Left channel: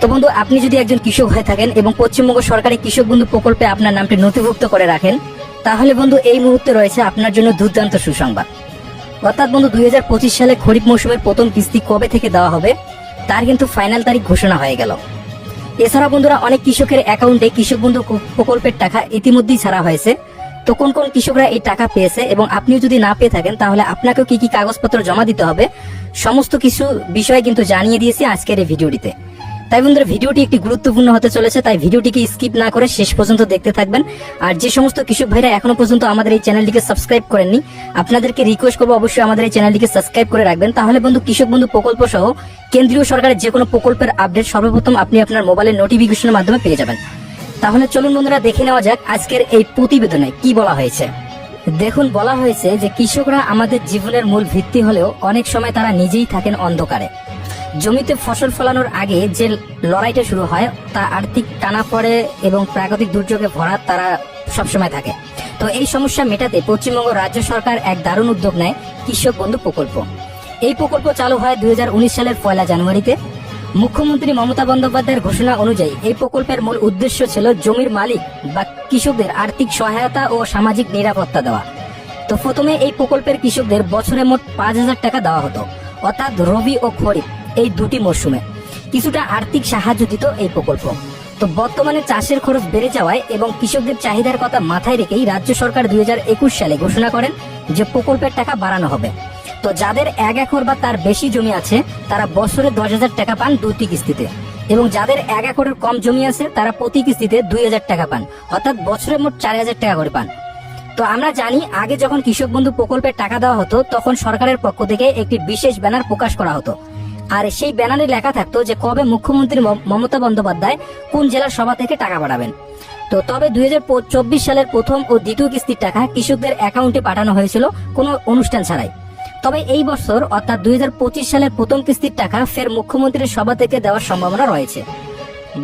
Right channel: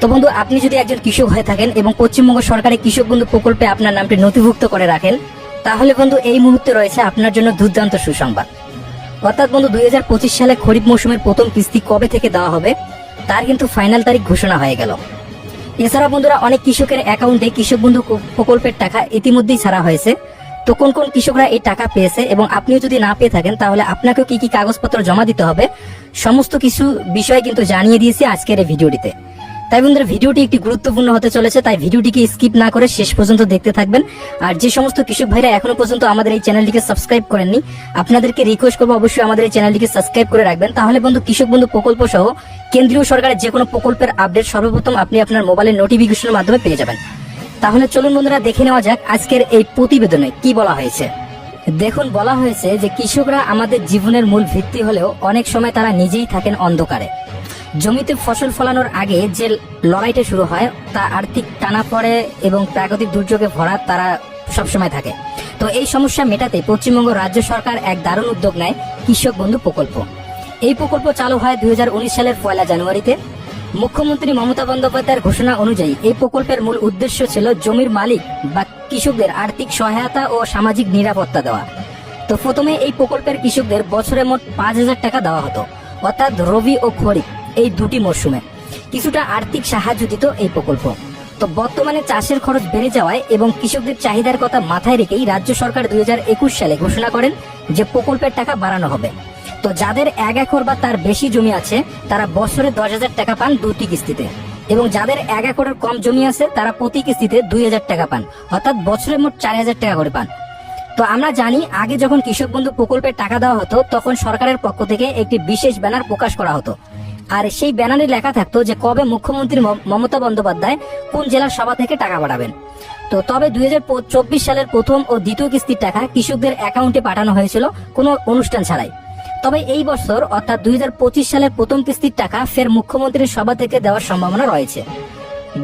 তো বন্ধু, আপনি যদি একজন কৃষক হয়ে থাকেন এবং পশ্চিমবঙ্গ সরকারের কৃষক বন্ধু প্রকল্পে আপনার নামটি নথিভুক্ত করে রাখেন, তাহলে বন্ধু এই মুহূর্তে রয়েছে আপনার জন্য দুর্দান্ত সুসংবাদ। অর্থাৎ বন্ধু 2025 সালে খরিফ মৌসুমের প্রথম কিস্তি কবে থেকে দেওয়া হবে তার কিন্তু ফাইনাল তারিখ ঘোষণা হয়ে গেল। এছাড়া বন্ধুরা অনেক কৃষকের অ্যাকাউন্টে কৃষক বন্ধু প্রকল্পের টাকা ইতিমধ্যেই ছাড়া হয়েছে। তো কোন কোন কৃষকরা এই টাকা পেয়েছে এবং আপনিও যদি না পেয়ে থাকেন তাহলে আপনাকেও কি কি কাগজপত্র জমা দিতে হবে, সমস্ত কিছু বিষয় কিন্তু জানিয়ে দিয়েছি আজকের এই ভিডিওটিতে। তাই বন্ধুরা ভিডিওটি একটি গুরুত্বপূর্ণ হতে চলেছে, তাই ভিডিওটিকে স্কিপ না করে শেষ পর্যন্ত দেখতে থাকবেন। আর যে সমস্ত কৃষক ভাইরা এখনো পর্যন্ত আমাদের এই চ্যানেলটিকে সাবস্ক্রাইব করেননি, আপনাদেরকে রিকোয়েস্ট করবো অবশ্যই আমাদের এই চ্যানেলটিকে সাবস্ক্রাইব করে রাখবেন। তাহলে বন্ধু কৃষক বন্ধু প্রকল্প সহ কেন্দ্রীয় সরকারের যে কোনো প্রকল্পের আপডেট সর্বপ্রথম আপনি আপনার মোবাইলের নোটিফিকেশনের মাধ্যমে পেয়ে যাবেন। তাহলে চলুন বন্ধুরা দেখে নেওয়া যাক আজকের এই প্রতিবেদনে কি বলা হয়েছে। দেখুন, বলা হয়েছে যে কৃষকরা আমাদের জীবনের মূল ভিত্তি হলেও অনেক সময় তারা নিজেই থাকেন অন্ধকারে। জমিতে ফসল ফলানোর আগে যে লড়াইটা শুরু হয় তা আর্থিক টানাপড়ে এবং প্রাকৃতিক দুর্যোগে ভরা তারা সবসময় থাকে। তো এই সমস্যা মেটাতে পশ্চিমবঙ্গ রাজ্য সরকার এক দারুণ উদ্যোগ নেয়, কৃষক বন্ধু প্রকল্প। এই প্রকল্প চালু হয় 2019 সালের 1 জানুয়ারিতে। মুখ্যমন্ত্রী মমতা বন্দ্যোপাধ্যায়ের ঘোষণা অনুযায়ী এই প্রকল্পের মূল উদ্দেশ্য ছিল জমির মালিক বা কৃষকদের আর্থিক সহায়তা ও সামাজিক নিরাপত্তা দেওয়া। তো প্রথমে এই প্রকল্পের কৃষকদের বছরে মোট 5,000 টাকা দেওয়া হতো, অর্থাৎ রবি ও খরিফ এই দুটি মরশুমে কিছুটা আর্থিক সাহায্য দিত এই প্রকল্প। তো বর্তমানে চাষের খরচ বেড়ে যাওয়ায় এবং কৃষকদের চাহিদার কথা মাথায় রেখেই রাজ্য সরকার 2021 সালে ঘোষণা করেন যে প্রকল্পের টাকা বাড়ানো হবে। তো যাদের 1 একর বা তার বেশি জমি আছে তারা বছরে 10,000 টাকা পান দুটি কিস্তিতে, এবং যাদের 1 একরের কম জমি আছে তারা প্রতি কিস্তিতে 2,000 টাকা পান, অর্থাৎ বছরে মোট 4,000 টাকা করে পান। তো আমরা জানি আগে যখন কৃষক বন্ধু প্রকল্পের টাকা দেওয়া হতো তখন সরকারের পক্ষ থেকে একটি বিশেষ ব্যানার প্রকাশ করা হতো, আর সেই ব্যানারে লেখা থাকতো যে কবে মুখ্যমন্ত্রী মমতা বন্দ্যোপাধ্যায় কোন জেলার সভা থেকে টাকা বাড়াবেন। তো তবে 2024 সালের প্রথম ও দ্বিতীয় কিস্তির টাকা কৃষকদের অ্যাকাউন্টে পাঠানো হয়েছিল কোনো অনুষ্ঠান ছাড়াই। তবে এই বছর অর্থাৎ 2025 সালের প্রথম কিস্তির টাকা ফের মুখ্যমন্ত্রীর সভা থেকে দেওয়ার সম্ভাবনা রয়েছে।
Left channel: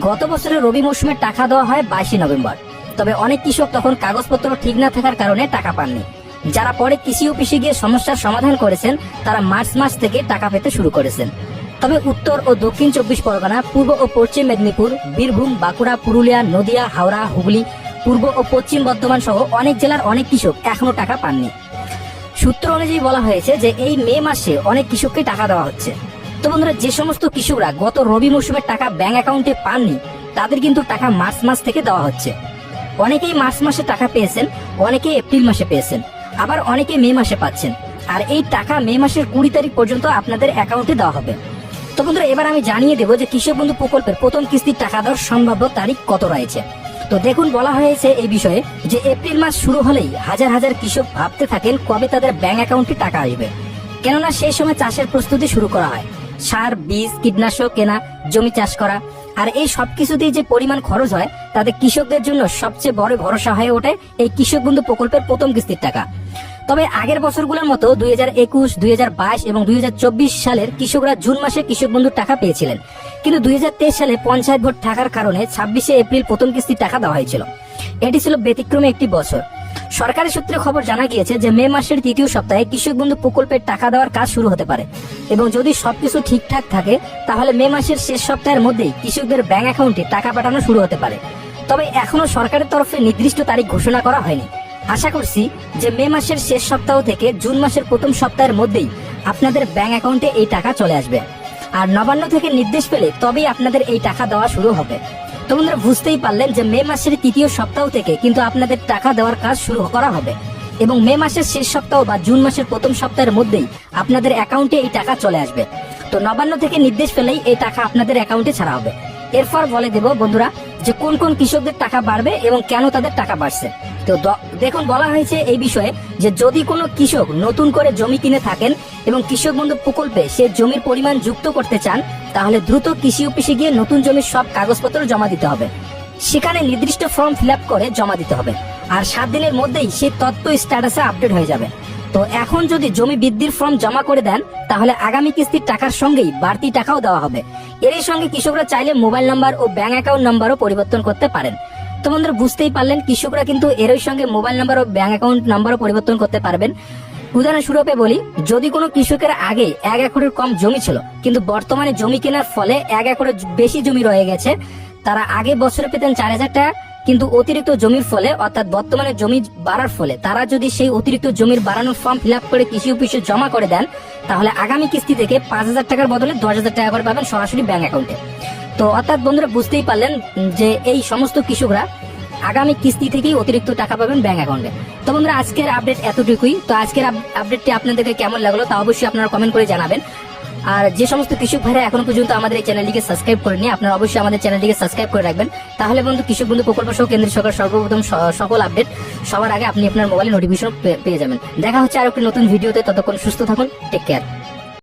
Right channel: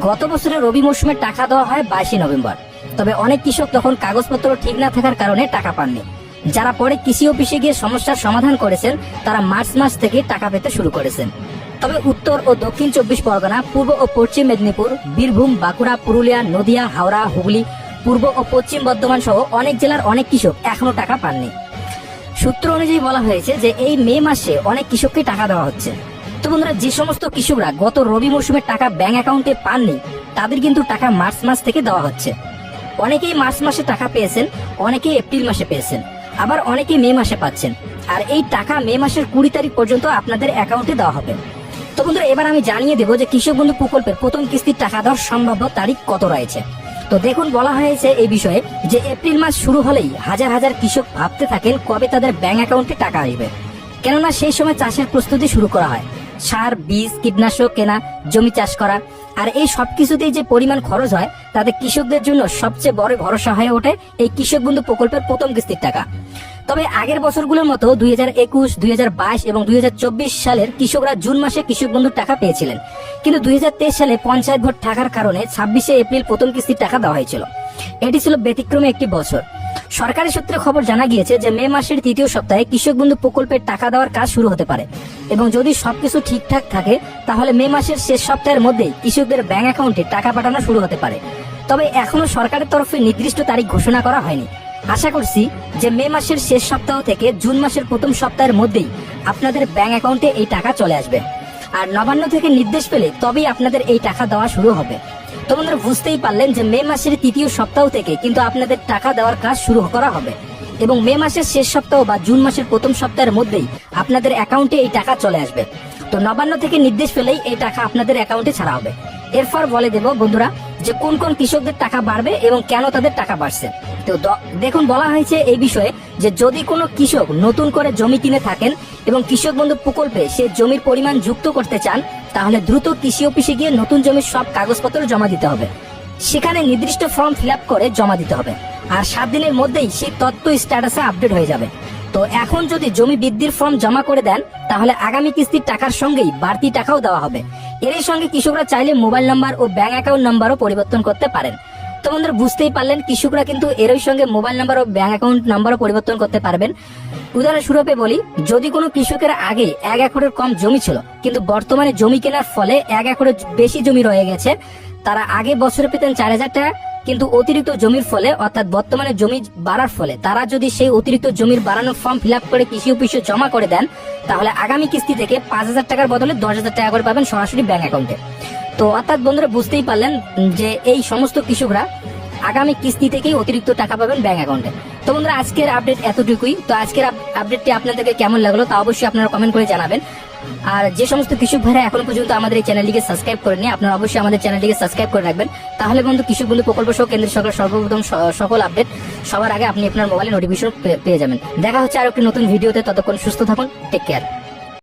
গত বছরের রবি মৌসুমে টাকা দেওয়া হয় 22 নভেম্বর। তবে অনেক কৃষক তখন কাগজপত্র ঠিক না থাকার কারণে টাকা পাননি। যারা পরে কৃষি অফিসে গিয়ে সমস্যার সমাধান করেছেন তারা মার্চ মাস থেকে টাকা পেতে শুরু করেছেন। তবে উত্তর ও দক্ষিণ 24 পরগনা, পূর্ব ও পশ্চিম মেদিনীপুর, বীরভূম, বাঁকুড়া, পুরুলিয়া, নদিয়া, হাওড়া, হুগলি, পূর্ব ও পশ্চিম বর্ধমান সহ অনেক জেলার অনেক কৃষক এখনো টাকা পাননি। সূত্র অনুযায়ী বলা হয়েছে যে এই মে মাসে অনেক কৃষককে টাকা দেওয়া হচ্ছে। তো বন্ধুরা, যে সমস্ত কৃষকরা গত রবি মৌসুমের টাকা ব্যাংক অ্যাকাউন্টে পাননি তাদের কিন্তু টাকা মার্চ মাস থেকে দেওয়া হচ্ছে। অনেকেই মার্চ মাসে টাকা পেয়েছেন, অনেকে এপ্রিল মাসে পেয়েছেন, আবার অনেকে মে মাসে পাচ্ছেন। আর এই টাকা মে মাসের 20 তারিখ পর্যন্ত আপনাদের অ্যাকাউন্টে দেওয়া হবে। তো বন্ধুরা, এবার আমি জানিয়ে দেবো যে কৃষক বন্ধু প্রকল্পের প্রথম কিস্তির টাকা দেওয়ার সম্ভাব্য তারিখ কত রয়েছে। তো দেখুন, বলা হয়েছে এই বিষয়ে যে এপ্রিল মাস শুরু হলেই হাজার হাজার কৃষক ভাবতে থাকেন কবে তাদের ব্যাংক অ্যাকাউন্টে টাকা আসবে, কেননা সেই সময় চাষের প্রস্তুতি শুরু করা হয়, সার, বীজ, কীটনাশক কেনা, জমি চাষ করা। আর এই সবকিছুতেই যে পরিমাণ খরচ হয় তাতে কৃষকদের জন্য সবচেয়ে বড় ভরসা হয়ে ওঠে এই কৃষক বন্ধু প্রকল্পের প্রথম কিস্তির টাকা। তবে আগের বছরগুলোর মতো 2021, 2022 এবং 2024 সালের কৃষকরা জুন মাসে কৃষক বন্ধুর টাকা পেয়েছিলেন, কিন্তু 2023 সালে পঞ্চায়েত ভোট থাকার কারণে 26 এপ্রিল প্রথম কিস্তির টাকা দেওয়া হয়েছিল। এটি ছিল ব্যতিক্রমী একটি বছর। সরকারি সূত্রে খবর জানা গিয়েছে যে মে মাসের তৃতীয় সপ্তাহে কৃষক বন্ধু প্রকল্পের টাকা দেওয়ার কাজ শুরু হতে পারে, এবং যদি সবকিছু ঠিকঠাক থাকে তাহলে মে মাসের শেষ সপ্তাহের মধ্যেই কৃষকদের ব্যাংক অ্যাকাউন্টে টাকা পাঠানো শুরু হতে পারে। তবে এখনো সরকারের তরফে নির্দিষ্ট তারিখ ঘোষণা করা হয়নি। আশা করছি যে মে মাসের শেষ সপ্তাহ থেকে জুন মাসের প্রথম সপ্তাহের মধ্যেই আপনাদের ব্যাংক অ্যাকাউন্টে এই টাকা চলে আসবে। আর নবান্ন থেকে নির্দেশ পেলে তবেই আপনাদের এই টাকা দেওয়া শুরু হবে। তো বন্ধুরা, বুঝতেই পারলেন যে মে মাসের তৃতীয় সপ্তাহ থেকে কিন্তু আপনাদের টাকা দেওয়ার কাজ শুরু করা হবে, এবং মে মাসের শেষ সপ্তাহ বা জুন মাসের প্রথম সপ্তাহের মধ্যেই আপনাদের অ্যাকাউন্টে এই টাকা চলে আসবে। তো নবান্ন থেকে নির্দেশ পেলেই এই টাকা আপনাদের অ্যাকাউন্টে ছাড়া হবে। এরপর বলে দেব বন্ধুরা যে কোন কোন কৃষকদের টাকা বাড়বে এবং কেন তাদের টাকা বাড়ছে। তো দেখুন, বলা হয়েছে এই বিষয়ে যে যদি কোনো কৃষক নতুন করে জমি কিনে থাকেন এবং কৃষক বন্ধু প্রকল্পে সে জমির পরিমাণ যুক্ত করতে চান তাহলে দ্রুত কৃষি অফিসে গিয়ে নতুন জমির সব কাগজপত্র জমা দিতে হবে। সেখানে নির্দিষ্ট ফর্ম ফিল আপ করে জমা দিতে হবে, আর 7 দিনের মধ্যেই সেই তথ্য স্ট্যাটাসে আপডেট হয়ে যাবে। তো এখন যদি জমি বৃদ্ধির ফর্ম জমা করে দেন তাহলে আগামী কিস্তির টাকার সঙ্গেই বাড়তি টাকাও দেওয়া হবে। এর সঙ্গে কৃষকরা চাইলে মোবাইল নাম্বার ও ব্যাংক অ্যাকাউন্ট নাম্বারও পরিবর্তন করতে পারেন। তো বন্ধুরা, বুঝতেই পারলেন কৃষকরা কিন্তু এর সঙ্গে মোবাইল নাম্বার ও ব্যাংক অ্যাকাউন্ট নাম্বারও পরিবর্তন করতে পারবেন। উদাহরণস্বরূপে বলি, যদি কোনো কৃষকের আগে 1 একরের কম জমি ছিল কিন্তু বর্তমানে জমি কেনার ফলে 1 একরের বেশি জমি রয়ে গেছে, তারা আগে বছরে পেতেন 4,000 টাকা, কিন্তু অতিরিক্ত জমির ফলে অর্থাৎ বর্তমানে জমি বাড়ার ফলে তারা যদি সেই অতিরিক্ত জমির বাড়ানোর ফর্ম ফিল আপ করে কৃষি অফিসে জমা করে দেন, তাহলে আগামী কিস্তি থেকে 5,000 টাকার বদলে 10,000 টাকা করে পাবেন সরাসরি ব্যাংক অ্যাকাউন্টে। তো অর্থাৎ বন্ধুরা বুঝতেই পারলেন যে এই সমস্ত কৃষকরা আগামী কিস্তি থেকেই অতিরিক্ত টাকা পাবেন ব্যাংক অ্যাকাউন্টে। তো বন্ধুরা আজকের আপডেট এতটুকুই। তো আজকের আপডেটটি আপনাদেরকে কেমন লাগলো তা অবশ্যই আপনারা কমেন্ট করে জানাবেন। আর যে সমস্ত কৃষক ভাইরা এখনো পর্যন্ত আমাদের এই চ্যানেলটিকে সাবস্ক্রাইব করেননি, আপনারা অবশ্যই আমাদের চ্যানেলটিকে সাবস্ক্রাইব করে রাখবেন। তাহলে বন্ধু কৃষক বন্ধু প্রকল্প সহ কেন্দ্রীয় সরকার সর্বপ্রথম সকল আপডেট সবার আগে আপনি আপনার মোবাইলে নোটিফিকেশন পেয়ে যাবেন। দেখা হচ্ছে আর একটি নতুন ভিডিওতে, ততক্ষণ সুস্থ থাকুন, টেক কেয়ার।